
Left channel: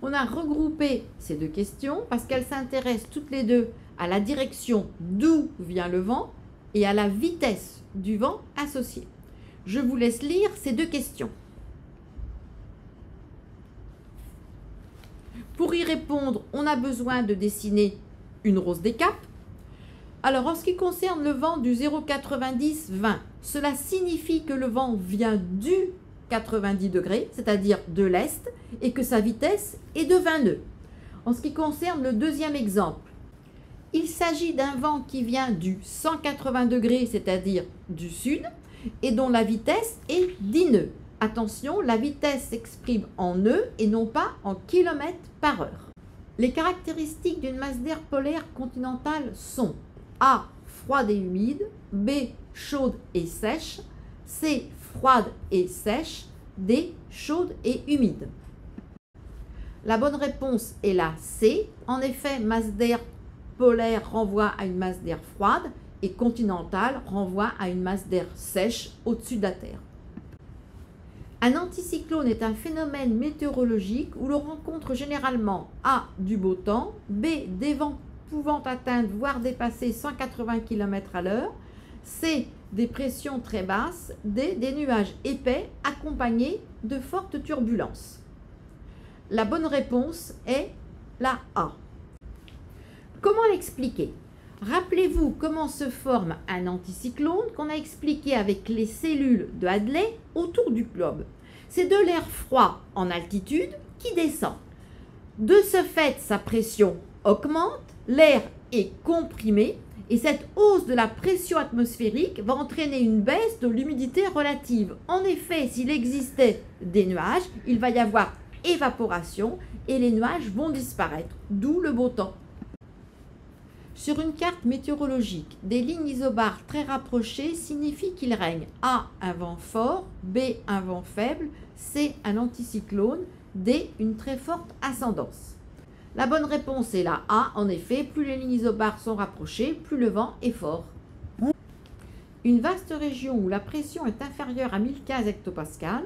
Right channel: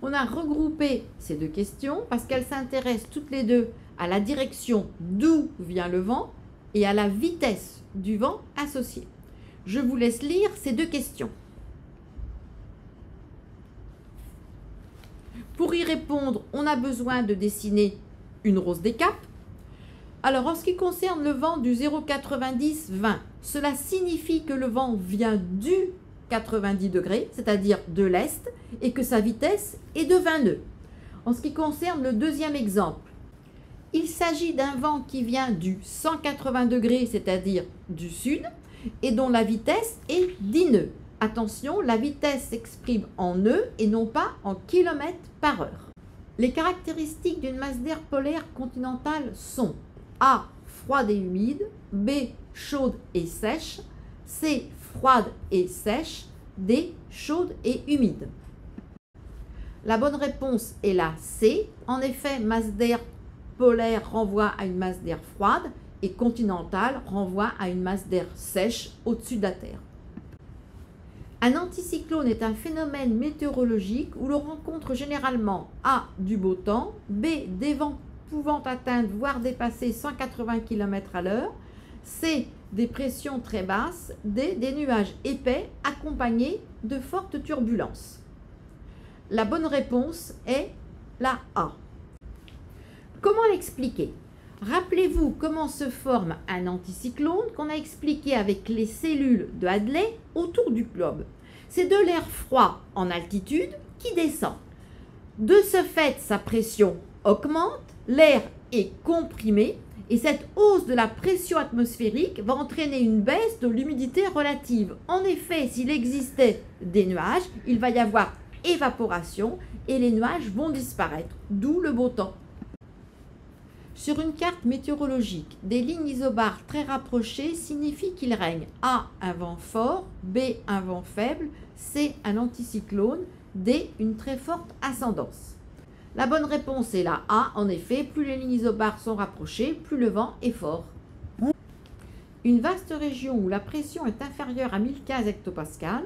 On a regroupé ces deux questions parce qu'elles s'intéressent toutes les deux à la direction d'où vient le vent et à la vitesse du vent associée. Je vous laisse lire ces deux questions. Pour y répondre, on a besoin de dessiner une rose des caps. Alors, en ce qui concerne le vent du 0,90-20, cela signifie que le vent vient du 90 degrés, c'est-à-dire de l'est, et que sa vitesse est de 20 nœuds. En ce qui concerne le deuxième exemple, il s'agit d'un vent qui vient du 180 degrés, c'est-à-dire du sud, et dont la vitesse est 10 nœuds. Attention, la vitesse s'exprime en nœuds et non pas en kilomètres par heure. Les caractéristiques d'une masse d'air polaire continentale sont A. froide et humide, B. chaude et sèche, C. froide et sèche, D. chaude et humide. La bonne réponse est la C. En effet, masse d'air polaire renvoie à une masse d'air froide et continentale renvoie à une masse d'air sèche au-dessus de la Terre. Un anticyclone est un phénomène météorologique où l'on rencontre généralement A. du beau temps, B. des vents pouvant atteindre voire dépasser 180 km/h, C. des pressions très basses, D. des nuages épais accompagnés de fortes turbulences. La bonne réponse est la A. Comment l'expliquer? Rappelez-vous comment se forme un anticyclone qu'on a expliqué avec les cellules de Hadley autour du globe. C'est de l'air froid en altitude qui descend. De ce fait, sa pression augmente, l'air est comprimé et cette hausse de la pression atmosphérique va entraîner une baisse de l'humidité relative. En effet, s'il existait des nuages, il va y avoir évaporation et les nuages vont disparaître, d'où le beau temps. Sur une carte météorologique, des lignes isobares très rapprochées signifient qu'il règne A. un vent fort, B. un vent faible, C. un anticyclone, D. une très forte ascendance. La bonne réponse est la A. En effet, plus les lignes isobares sont rapprochées, plus le vent est fort. Une vaste région où la pression est inférieure à 1015 hectopascales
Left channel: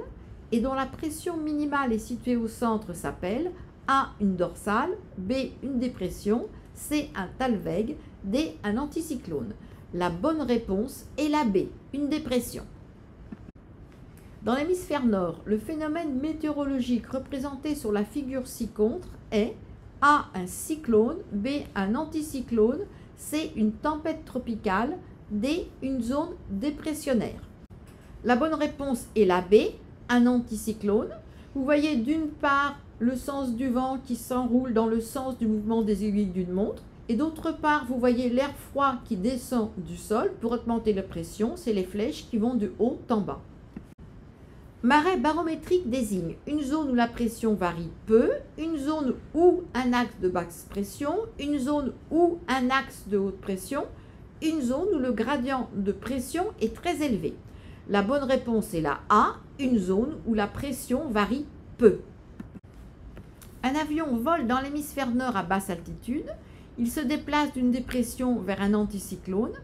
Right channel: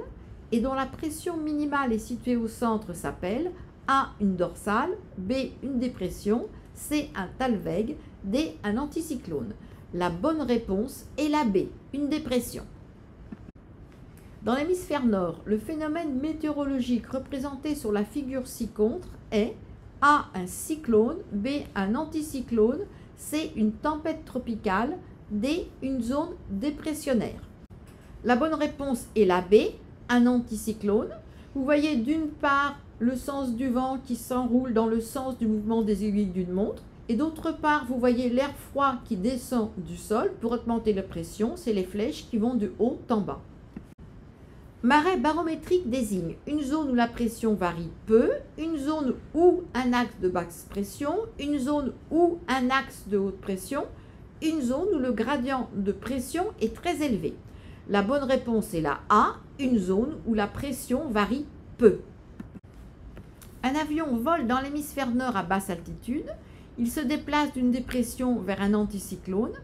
et dont la pression minimale est située au centre s'appelle A. une dorsale, B. une dépression, C. un talweg, D. un anticyclone. La bonne réponse est la B, une dépression. Dans l'hémisphère nord, le phénomène météorologique représenté sur la figure ci-contre est A. un cyclone, B. un anticyclone, C. une tempête tropicale, D. une zone dépressionnaire. La bonne réponse est la B, un anticyclone. Vous voyez d'une part le sens du vent qui s'enroule dans le sens du mouvement des aiguilles d'une montre et d'autre part vous voyez l'air froid qui descend du sol pour augmenter la pression, c'est les flèches qui vont de haut en bas. Marée barométrique désigne une zone où la pression varie peu, une zone où un axe de basse pression, une zone où un axe de haute pression, une zone où le gradient de pression est très élevé. La bonne réponse est la A, une zone où la pression varie peu. Un avion vole dans l'hémisphère nord à basse altitude. Il se déplace d'une dépression vers un anticyclone.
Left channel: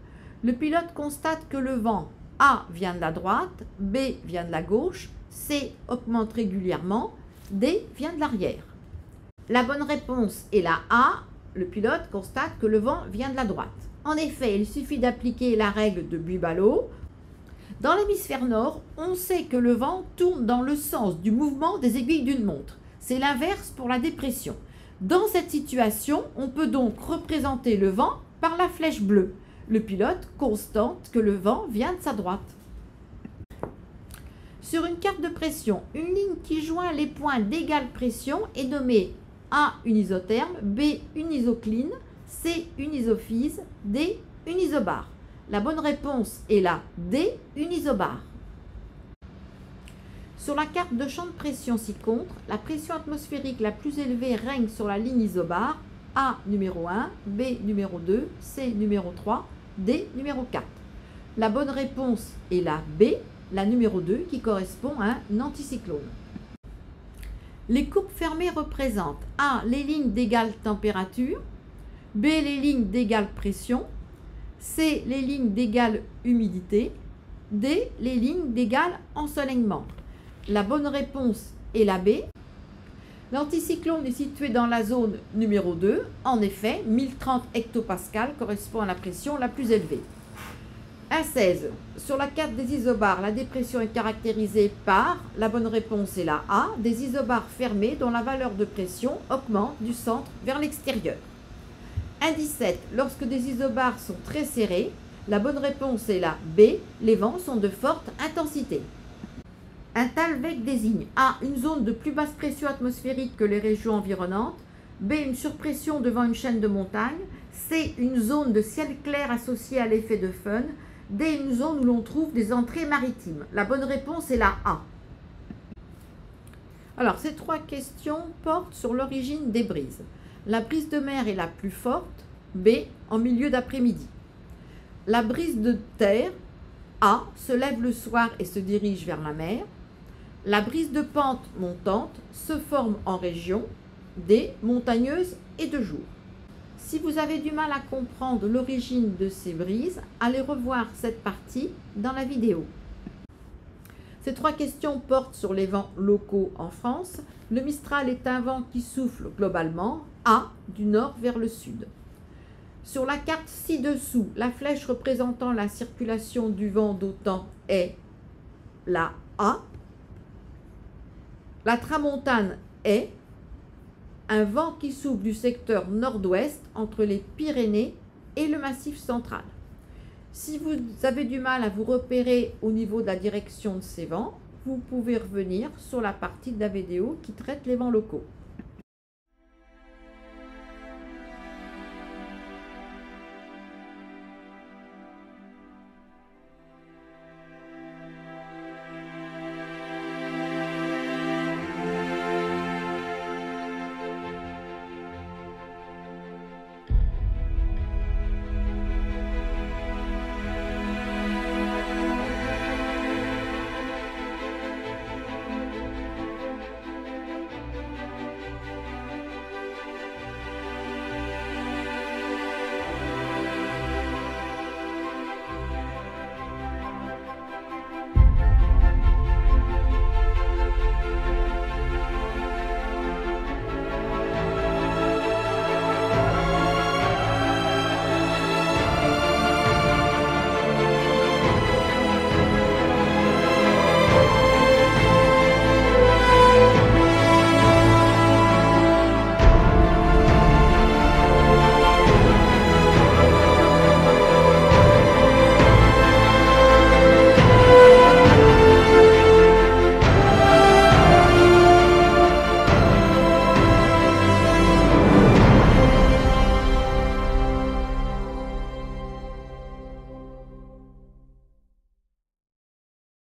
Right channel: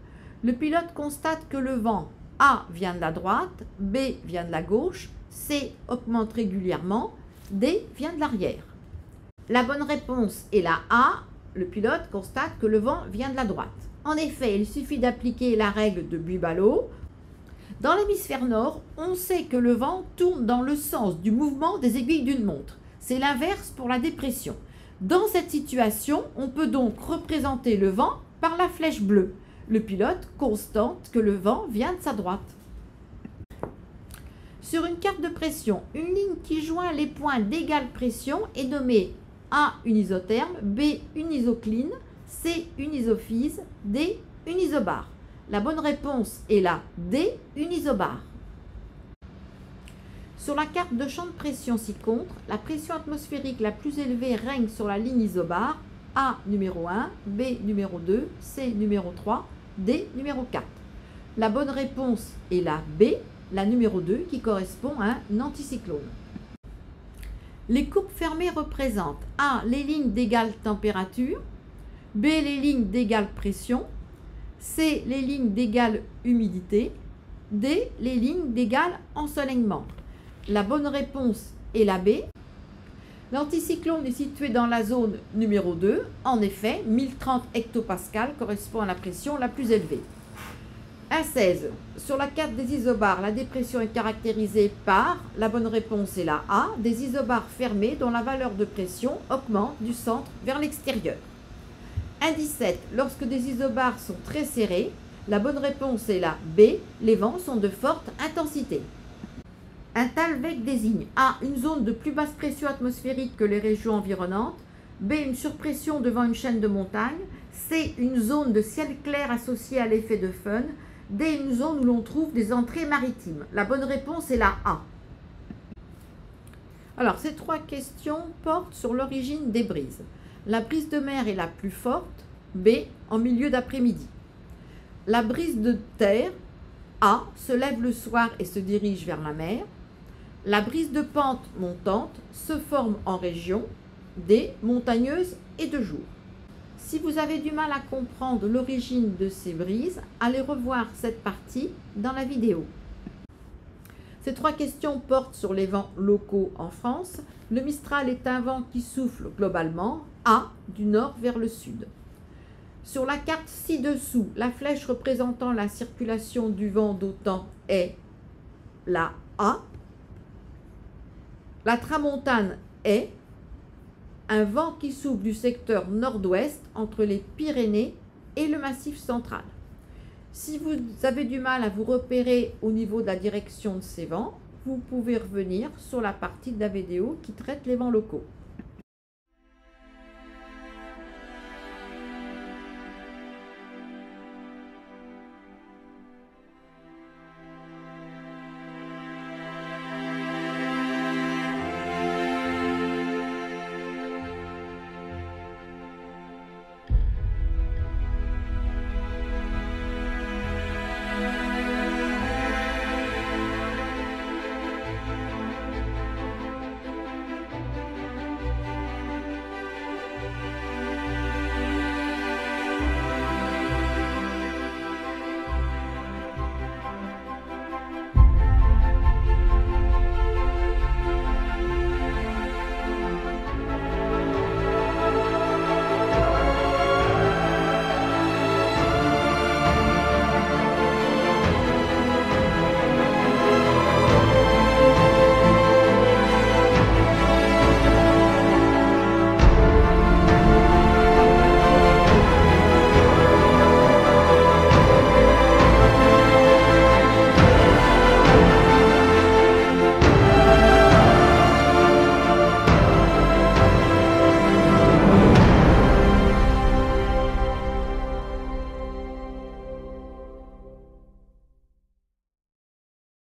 Le pilote constate que le vent A vient de la droite, B vient de la gauche, C augmente régulièrement, D vient de l'arrière. La bonne réponse est la A. Le pilote constate que le vent vient de la droite. En effet, il suffit d'appliquer la règle de Buy-Ballot. Dans l'hémisphère nord, on sait que le vent tourne dans le sens du mouvement des aiguilles d'une montre. C'est l'inverse pour la dépression. Dans cette situation, on peut donc représenter le vent par la flèche bleue. Le pilote constate que le vent vient de sa droite. Sur une carte de pression, une ligne qui joint les points d'égale pression est nommée A une isotherme, B une isocline, C une isophase, D une isobare. La bonne réponse est la D une isobare. Sur la carte de champ de pression ci-contre, la pression atmosphérique la plus élevée règne sur la ligne isobare, A numéro 1, B numéro 2, C numéro 3, D, numéro 4. La bonne réponse est la B, la numéro 2, qui correspond à un anticyclone. Les courbes fermées représentent A, les lignes d'égale température, B, les lignes d'égale pression, C, les lignes d'égale humidité, D, les lignes d'égal ensoleillement. La bonne réponse est la B. L'anticyclone est situé dans la zone numéro 2. En effet, 1030 hectopascales correspond à la pression la plus élevée. 1,16. Sur la carte des isobars, la dépression est caractérisée par, la bonne réponse est la A, des isobars fermés dont la valeur de pression augmente du centre vers l'extérieur. 1,17. Lorsque des isobars sont très serrés, la bonne réponse est la B, les vents sont de forte intensité. Un Thalweg désigne A, une zone de plus basse pression atmosphérique que les régions environnantes, B, une surpression devant une chaîne de montagnes, C, une zone de ciel clair associée à l'effet de Föhn, D, une zone où l'on trouve des entrées maritimes. La bonne réponse est la A. Alors, ces trois questions portent sur l'origine des brises. La brise de mer est la plus forte, B, en milieu d'après-midi. La brise de terre, A, se lève le soir et se dirige vers la mer. La brise de pente montante se forme en région, D, montagneuse et de jour. Si vous avez du mal à comprendre l'origine de ces brises, allez revoir cette partie dans la vidéo. Ces trois questions portent sur les vents locaux en France. Le Mistral est un vent qui souffle globalement, A, du nord vers le sud. Sur la carte ci-dessous, la flèche représentant la circulation du vent d'autant est la A. La tramontane est un vent qui souffle du secteur nord-ouest entre les Pyrénées et le Massif central. Si vous avez du mal à vous repérer au niveau de la direction de ces vents, vous pouvez revenir sur la partie de la vidéo qui traite les vents locaux.